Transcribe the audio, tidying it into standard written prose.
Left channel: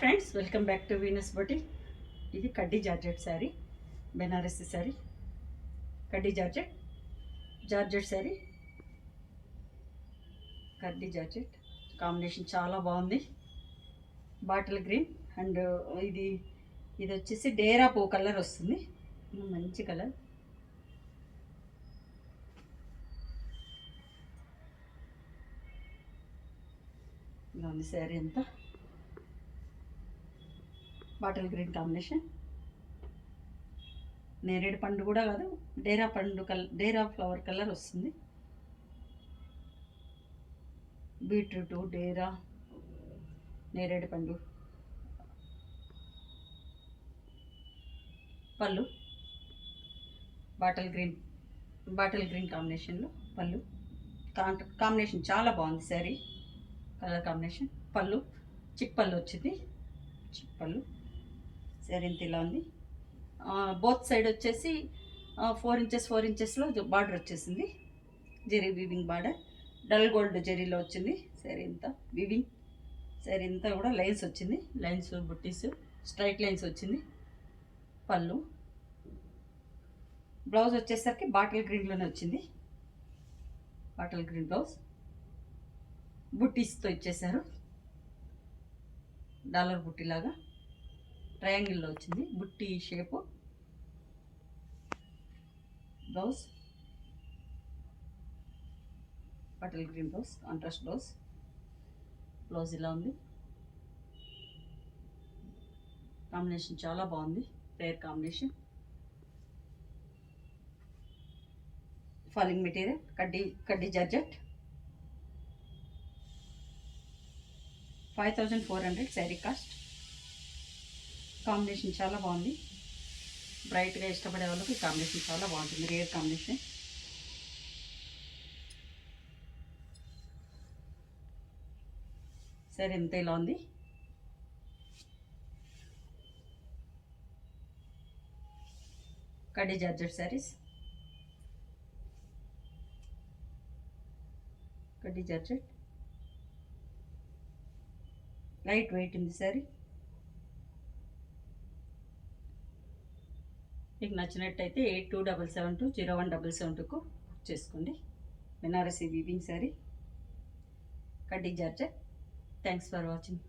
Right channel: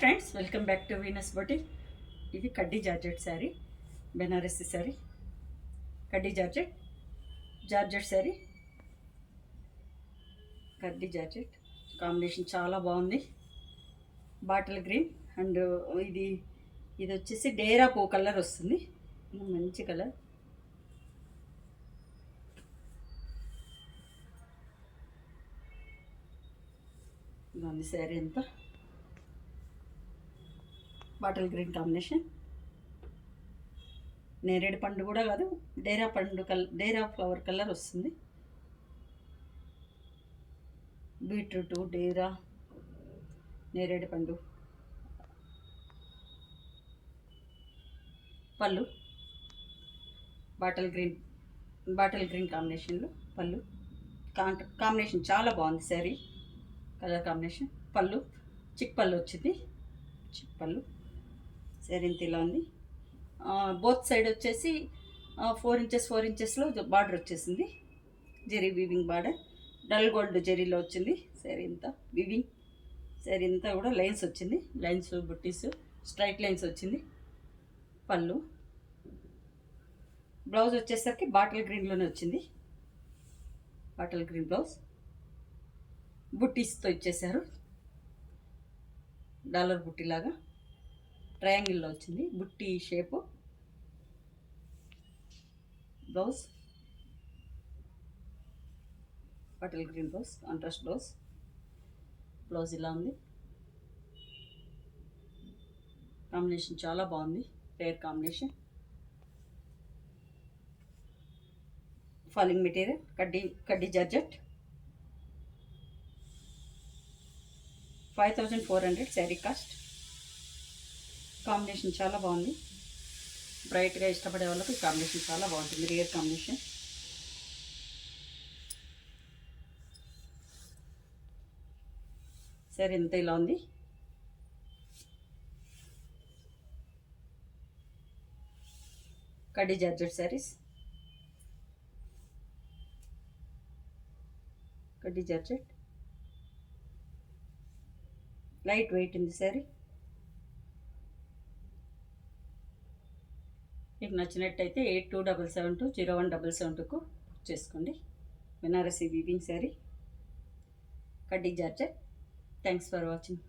Friends, welcome back to Venus boutique. ఇది కడ్డీ జార్జెట్ శారీ, బెనారసి శారీ, కడ్డీ జార్జెట్ శారీ, కడ్డీ జార్జెట్ కాంబినేషన్ చాలా బాగుంది. బాటిల్ గ్రీన్ అండ్ ఇది ఇది వచ్చేసి డేరా పూ కలర్ వస్తుంది, మంచి కలర్. బాగుంది శారీ అంతా. బాటిల్ గ్రీన్ కాంబినేషన్, నేరేడు పండు కూడా కాదు, డేరా ఫ్లవర్ కలర్ వస్తుంది. బీట్రూట్, డేరా, నేరేడు పండు. పళ్ళు బాటిల్ గ్రీన్ కాంబినేషన్లో పళ్ళు. కాంబినేషన్ చాలా బాగుంది శారీ కలర్ కాంబినేషన్. పళ్ళు చిక్ పళ్ళు వచ్చింది, చిక్ పళ్ళు. శారీ ఇంత ఇలా ఉంది. బోత్ సైడ్ వచ్చేసి 4 ఇంచెస్లో బార్డర్ వచ్చేసింది, zari weaving border. Dull gold జెరీలో వచ్చింది శారీ ఇంతా వీవింగ్. శారీ ఇంతా కూడా లైన్స్ వచ్చింది, లైన్స్ బుట్టీస్, స్ట్రైట్ లైన్స్ వచ్చింది. పళ్ళు. బ్లౌజ్ వచ్చేసరికి బాటిల్ గ్రీన్లోనే వచ్చింది, బాటిల్ గ్రీన్ బ్లౌజ్. బుట్టీస్తో ఇచ్చేసారు, డాలర్ బుట్టీలాగా ట్రయాంగిల్లో వచ్చింది బుట్టి shape. Blouse bottle green blouse, contrast blouse ఇలా ఉంది. కాంబినేషన్ చాలా బాగుంది, రేర్ కాంబినేషన్. ఫాలింగ్ మెటీరియల్ కడ్డీ జార్జెట్. 5400 శారీ కాస్ట్. కాంబినేషన్ చాలా బాగుంది, బ్రైట్గా ఇష్టపడే వాళ్ళకి కాంబినేషన్ చాలా బాగుంటుంది, రేర్ కాంబినేషన్. సరే ఎంత ఇలా ఉంది. కడ్డీ జార్జెట్ శారీస్, కడ్డీ జార్జెట్ లైట్ వెయిట్ ఉంది శారీ. మీకు నచ్చినట్టయితే 8277201772కు చేసుకోండి. బెనారసి వీవింగ్ శారీ, కడ్డీ జార్జెట్. Thanks for watching.